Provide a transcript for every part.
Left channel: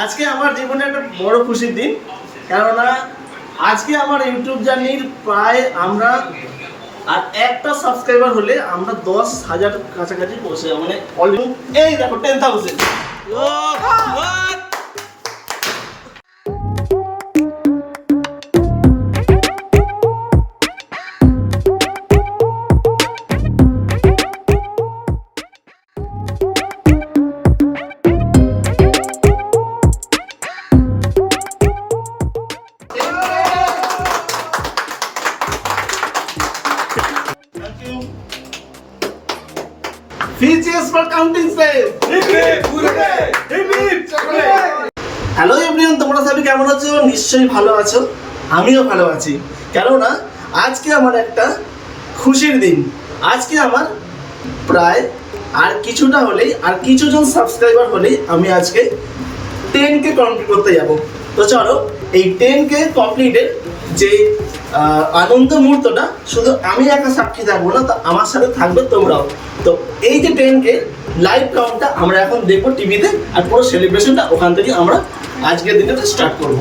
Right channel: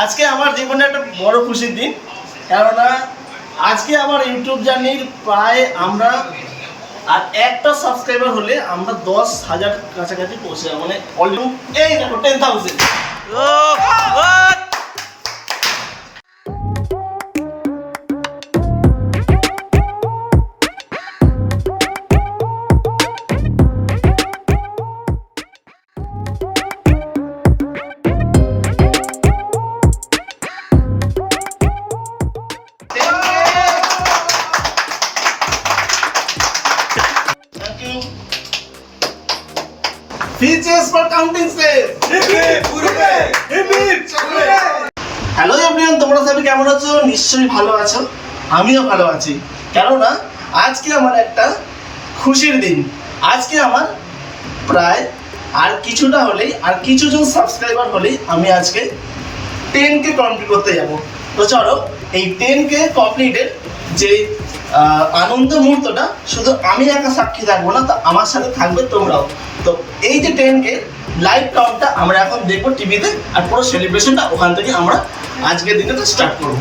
আজকে আমার জীবনে একটা বড় খুশির দিন, কেননা আজকে আমার ইউটিউব জার্নির প্রায় আমরা, আর একটা সাবস্ক্রাইবার হলে আমরা দশ হাজার কাছাকাছি পৌঁছে যাব মানে এই দেখো ten thousand Features for counting says. Hello everyone তোমরা সবাই কেমন আছো? নিশ্চয়ই ভালো আছো। আমিও ভালো আছি। কেননা আজকে আমার একটা খুশির দিন। আজকে আমার প্রায় আর কিছুটা হলেই আর কিছুজন সাবস্ক্রাইবার হলেই আমি আজকে টেন কে কমপ্লিট করতে যাব। তো চলো, এই টেন কে কমপ্লিটের যে আনন্দ মুহূর্তটা, শুধু আমি একা সাক্ষী থাকব না, তো আমার সাথে থাকবে তোমরাও। তো এই যে টেন কে লাইভ কাউন্টটা আমরা এখন দেখব টিভিতে আর পুরো সেলিব্রেশনটা ওখান থেকে আমরা আজকের দিনটা স্টার্ট করব।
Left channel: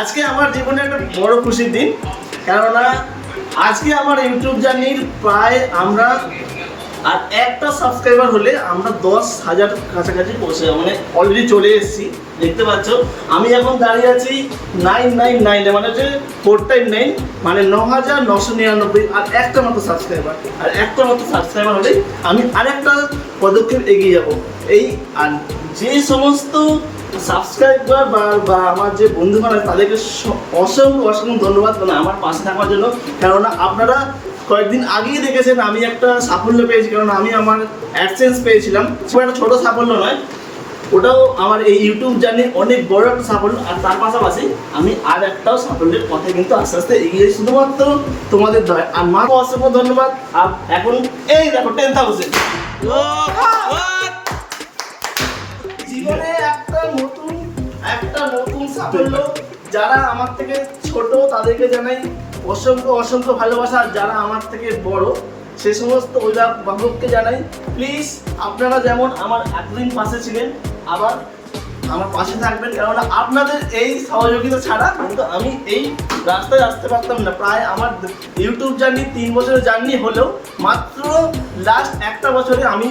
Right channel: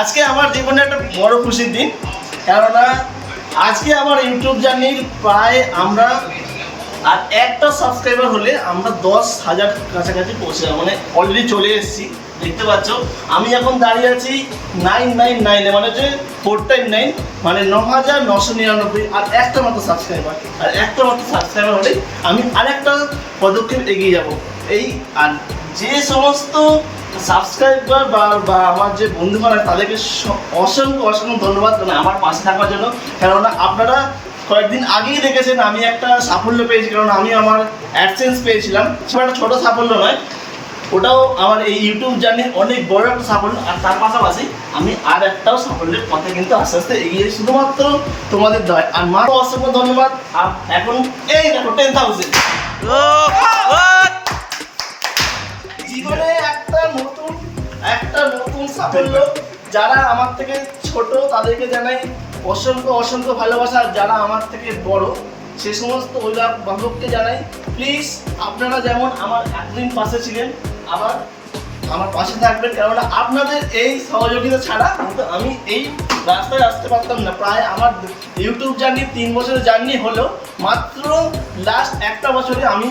আজকে আমার জীবনে একটা বড় খুশির দিন, কেননা আজকে আমার ইউটিউব জার্নির প্রায় আমরা আর একটা সাবস্ক্রাইবার হলে আমরা দশ হাজার কাছাকাছি পৌঁছে যাব। মানে অলরেডি চলে এসেছি। দেখতে পাচ্ছ, আমি এখন দাঁড়িয়ে আছি নাইন নাইন নাইনে মানে হচ্ছে ফোর টাইম নাইন মানে ন হাজার নশো নিরানব্বই আর একটা মাত্র সাবস্ক্রাইবার আর একটা মাত্র সাবস্ক্রাইবার হলেই আমি আর একটা পদক্ষেপ এগিয়ে যাব। এই, আর যে সমস্ত সাবস্ক্রাইবার বা বা আমার যে বন্ধু বান্ধব তাদেরকে অসংখ্য অসংখ্য ধন্যবাদ। মানে আমার পাশে থাকার জন্য। কেননা আপনারা কয়েকদিন আগেই দেখেছেন আমি একটা সাফল্য পেয়েছি, কারণ আমি আমার অ্যাডসেন্স পেয়েছিলাম। খুব একটা ছোটো সাফল্য নয়। ওটাও আমার এই ইউটিউব জার্নির অনেক বড় একটা সাফল্য, আর তার পাশাপাশি আমি আর একটাও সাফল্যের পথে কিন্তু আস্তে আস্তে এগিয়ে শুধুমাত্র তোমাদের দয়। আর মা, অসংখ্য ধন্যবাদ। আর এখন এই দেখো টেন থাউজেন্ড জীবনে একটা নতুন একটা নতুন সাফল্য যারা আমার থেকে ছোট, তাদেরকে জানাই অসংখ্য অসংখ্য ভালোবাসা যারা আমার থেকে বড়। সে সমস্ত অভিভাবককে জানাই প্লিজ আপনারা যেমন আমার এতদিন পাশে ছিলেন, আবার আমার পাশে থাকবেন, কেননা আপনাদের এই সহযোগিতা ছাড়া কিন্তু আমি এই রাস্তায় আসতে পারতাম না। প্রায় আমার ইউটিউব জার্নি তিন বছরের জার্নি হলেও মাত্র লাস্ট একটা বছরে আমি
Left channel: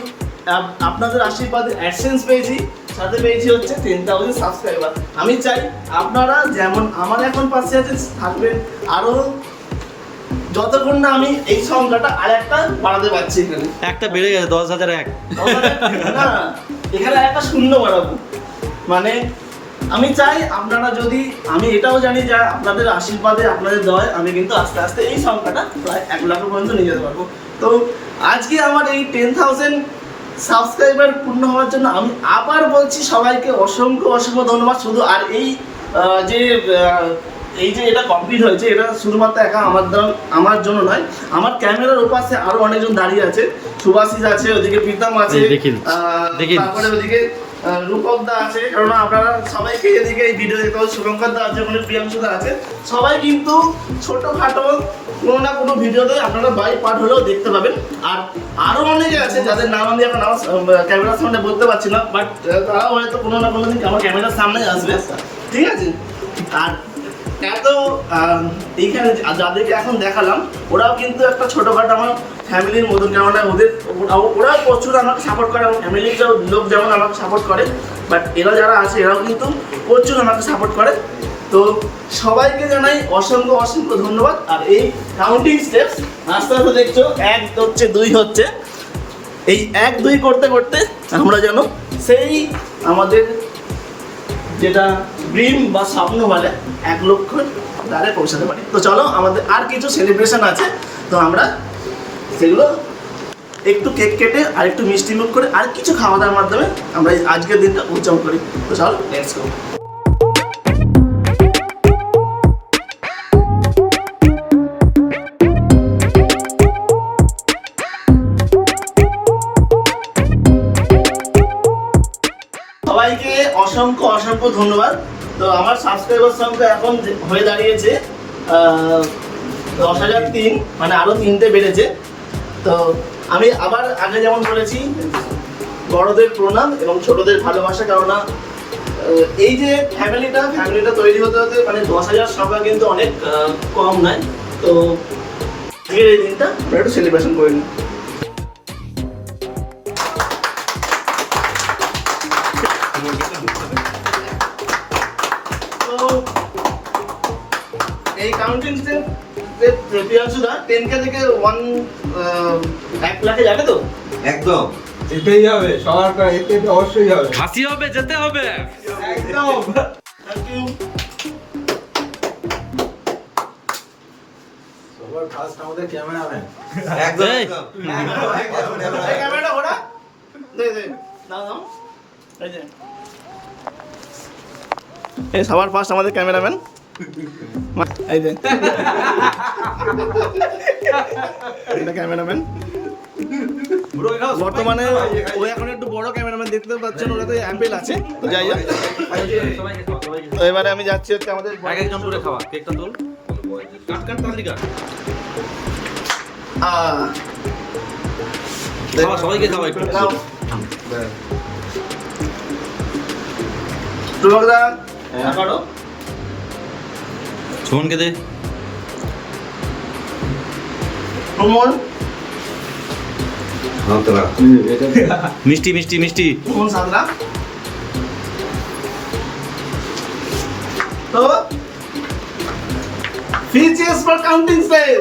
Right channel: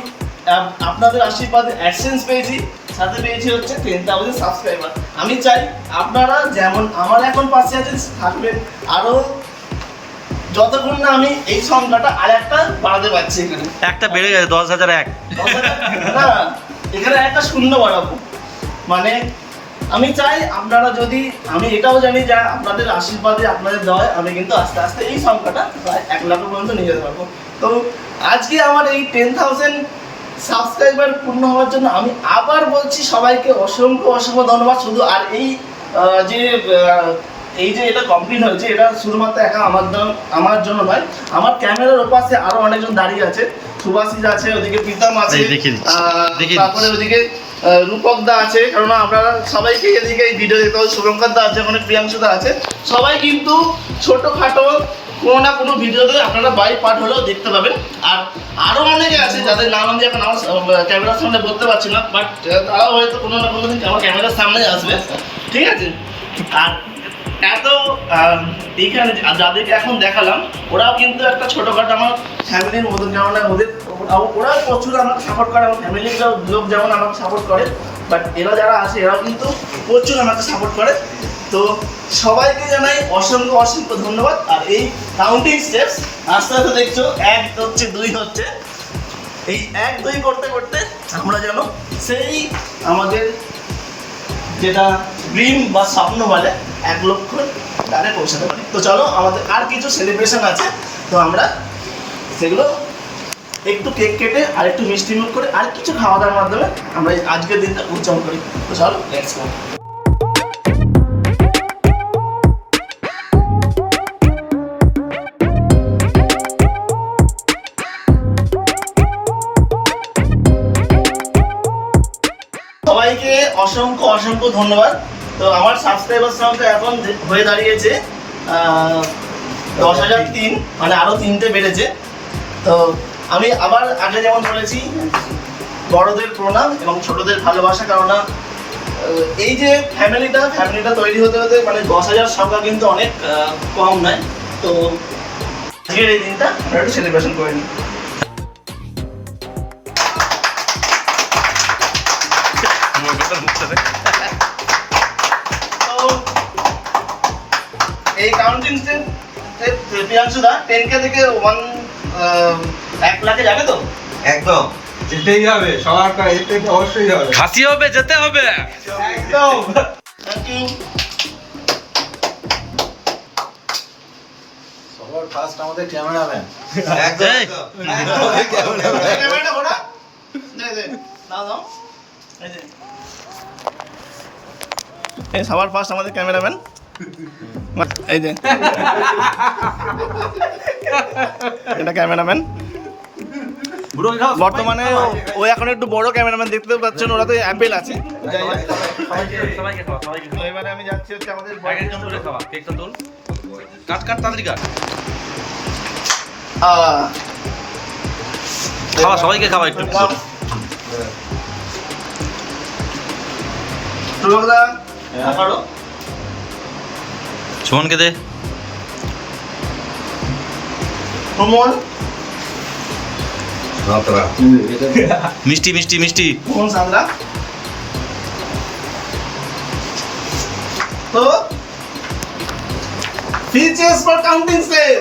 আপনাদের আশীর্বাদে অ্যাডসেন্স পেয়েছি। সাথে পেয়েছি হচ্ছে টেন থাউজেন্ড সাবস্ক্রাইবার আমি চাই আপনারা যেমন আমার এখন পাশে আছেন থাকবেন। আরও যতক্ষণ না আমি এই সংখ্যাটা আর একটা বাড়াতে পারছি এখানে। একটা বেড়ে গেছে দশ হাজার এক। না এখানে একটা শূন্য বাড়াবো। মানে আমি চাই আপনারা যদি আমি এটাও জানি যে আপনাদের আশীর্বাদে আপনাদের দয় আমি কিন্তু আস্তে আস্তে এই সংখ্যাটা প্রায় এক লাখ পর্যন্ত নিয়ে যেতে পারব। তো আজকে আমার এই টেন থাউজেন্ড সাবস্ক্রাইবার পূর্ণ হওয়ার জন্য আমি আবার বলছি সবাইকে অসংখ্য অসংখ্য ধন্যবাদ শুধু আর এই যে এই যে এটা কমপ্লিট হয়েছে এটা শুধুমাত্র একা আমার আমার জন্য নয় আমার ক্যামেরার ওপাশে আরও অনেকজন দাঁড়িয়ে আছে সুভাষিস আছে ওদিকে প্রীতম আছে। তারপরে ওদিকে রূপক দা আছে কারণ আপনারা সবাইকে এদিকে এই ভিডিও দেখতে পাবেন শুভঙ্কর দা আছে মানে প্রিয়াংশু দা আছে। সবাই কিন্তু ছোটোখাটো কোনো না কোনো ভিডিওতে আপনারা বাই পার্ট হলেও দেখতে পাবেন। আর আরও অনেকে আছে যাদের নাম আমি এখন আমার ক্যামেরার সামনে বলতে পারছি না বাট তারাও হয়তো কোনো না কোনো দিন আমার ক্যামেরার সামনে আসবে। ঠিক আছে? আর এত এইখানে যাদেরকে এখন দেখালাম, ওরাও কিন্তু একটা ছোটোখাটো আমার ফ্যামিলির মতন কেমন ওদের ওরাও প্রচুর আমাকে সাপোর্ট করে, আমার ফ্যামিলির লোক যেমন আমাকে সাপোর্ট করে বাট এরা যারা আছে, এরাও কিন্তু প্রচুর আমাকে সাপোর্ট করে। তো সবাইকে জানাই অসংখ্য অসংখ্য ধন্যবাদ। আর এই কাউন্টিং স্টেপস আস্তে আস্তে দেখছ, এক হচ্ছে, দুই হচ্ছে। এই এক, দুই করতে করতে আমরা যেন সেই আমাদের যেটা ড্রিম বা স্বপ্ন বলে এক লক্ষ দ্বারে পৌঁছাতে পারি। তো চলো, আমাদের আর কিছু সেলিব্রেশন আছে। তো আমরা সেগুলো একটু কেক কেটে আর একটু মিষ্টি মুখ করে আর কিছু খাওয়া দাওয়ার মাধ্যমে আমরা আজকের দিনটা উদযাপন করি। তো চলো লেটস গো সবাইকে অসংখ্য অসংখ্য ধন্যবাদ। তো আমার সাবস্ক্রাইবার সংখ্যা এখন হয়ে দাঁড়িয়েছে দশ হাজার তিন মানে আরও তিনটে বেড়েছে। তো আমি আবার আগে যেমন বলেছি, বড়দের প্রণাম এবং ছোটদের ভালোবাসা, কেননা এই যে ফ্যামিলিটা ফ্যামিলিটা তৈরি হতে হতে মানে দশ হাজার সংখ্যা কিন্তু অনেক কম নয়। তো আজকের এই দিনটা একটু সেলিব্রেশন করে নিই। প্রিয়াংশু টেন কে থেকে ওয়ান এক লাখে যাবে তো? একদম। যেতেই হবে সবার করে যেতে তো অবশ্যই হবে। খাসি হবে যেতে হবে। একদম। থ্যাংক ইউ সবার ফার্স্ট আমাদের ক্যামেরাম্যান একদম এই। ক্যামেরাটা ঘোরা। দে দে দাও দাও। এই সবার ফার্স্ট আমাদের ক্যামেরাম্যান এই যে। এটা ক্যামেরাম্যান। বর্তমানে ও- ও এখন একটু বড় ক্যামেরাম্যান দেখতে পাচ্ছেন ওরা তো অ্যাপেল আছে। যাই হোক। তো এবারে আমি যাচ্ছি হচ্ছে আমাদের খাওয়া কেকটা তোল। কাট কাট তাড়াতাড়ি কাট। খাওয়া সবাইকে খাওয়া একটু। দাও। হ্যাঁ। সুমনকে দে। মিষ্টি মিষ্টি মিষ্টি। তো? ফিচার্স ফর কাউন্টিং সেভ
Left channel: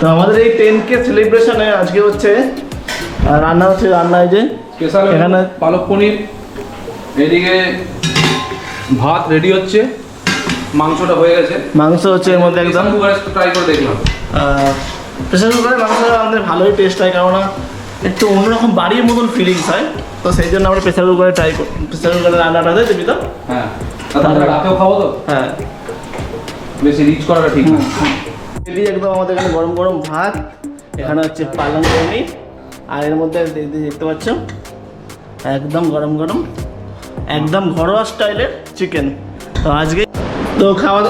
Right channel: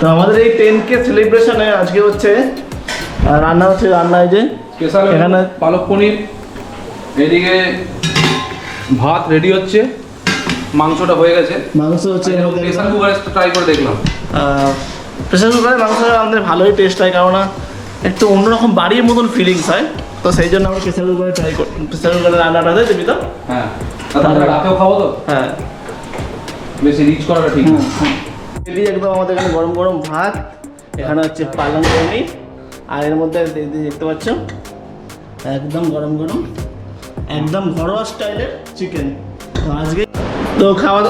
তো আমাদের এই টেন কে সেলিব্রেশনে আজকে হচ্ছে রান্না হচ্ছে রান্না এই যে এখানে পালক পনির এদিকে ভাত রেডি হচ্ছে মাংসটা হয়ে গেছে। মাংস হচ্ছে এর মধ্যে একদম। কুকারে ট্রাই করে দেখলাম। প্রেসার কুকারে মাংস আমাদের ভালোই টেস্ট হয় কেননা একটু অন্যরকম বাড়ির মতন ফিলিংস হয়। তো সেই জন্য আমরা প্রেসার কুকারে ট্রাই করি প্রেসার কুকারে রান্নাটা দেয় তুমি তো? হ্যাঁ। রাতেও খাব তো? হ্যাঁ। বেশি রিচ করাটা ঠিক না। এদিকে একদম আমাদের এখানে গরম গরম ভাত এখানে হচ্ছে পালং পনির আর এর মধ্যে দেখতে পাচ্ছ একদম গরম গরম একদম ঘরোয়া স্টাইলের চিকেন তো আজকে তো খাওয়া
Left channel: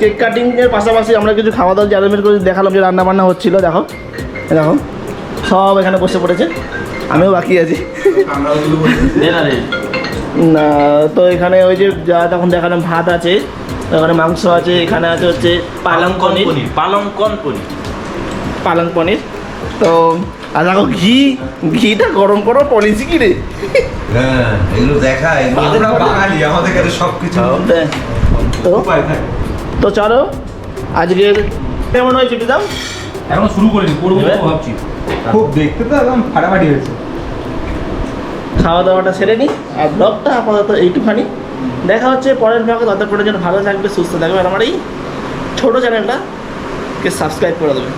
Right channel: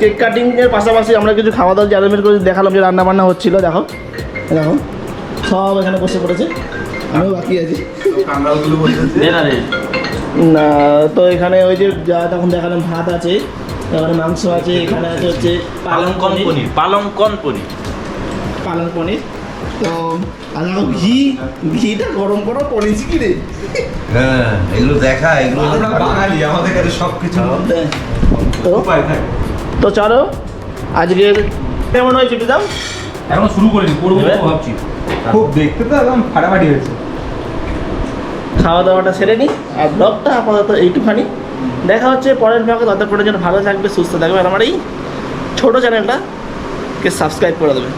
কেক কাটিং এর পাশাপাশি আমরা কিছু খাওয়া দাওয়া জারমের করে দেখালাম যে রান্না বান্না হচ্ছিল দেখো। দেখো সব এখানে বসে পড়েছে। আমিও বাকি আছি। না তো এখানে ওই যে যা তখন দেখালাম ভাত আছে এখানে মাংস আছে এখানে আছে হচ্ছে পালং পনির। পালং পনির। পালং পনির। তো আর দেখো ঘি ঘিটা গরম করো পলিসি কি রে? হ্যাঁ এগুলো দেখা এগুলো আমরা বাঙালি আমাদের কাছে সব কিছু তো তো চলো আজকের কেমন হয়েছে বিদাম এখনও শুরু করিনি করব ভাবছি। খুব দেখতে তো একদম ফাটাফাটি হয়েছে। খাওয়া দাওয়াটা সেরে নিই আর ব্লগটা আপাতত এইটুখানি। দেখা হচ্ছে পরের ব্লগে ততক্ষণের জন্য ভালো থাকবে সুস্থ থাকবে আর আমার এই ছোটো চ্যানেলটাকে সাবস্ক্রাইব করে দেবে।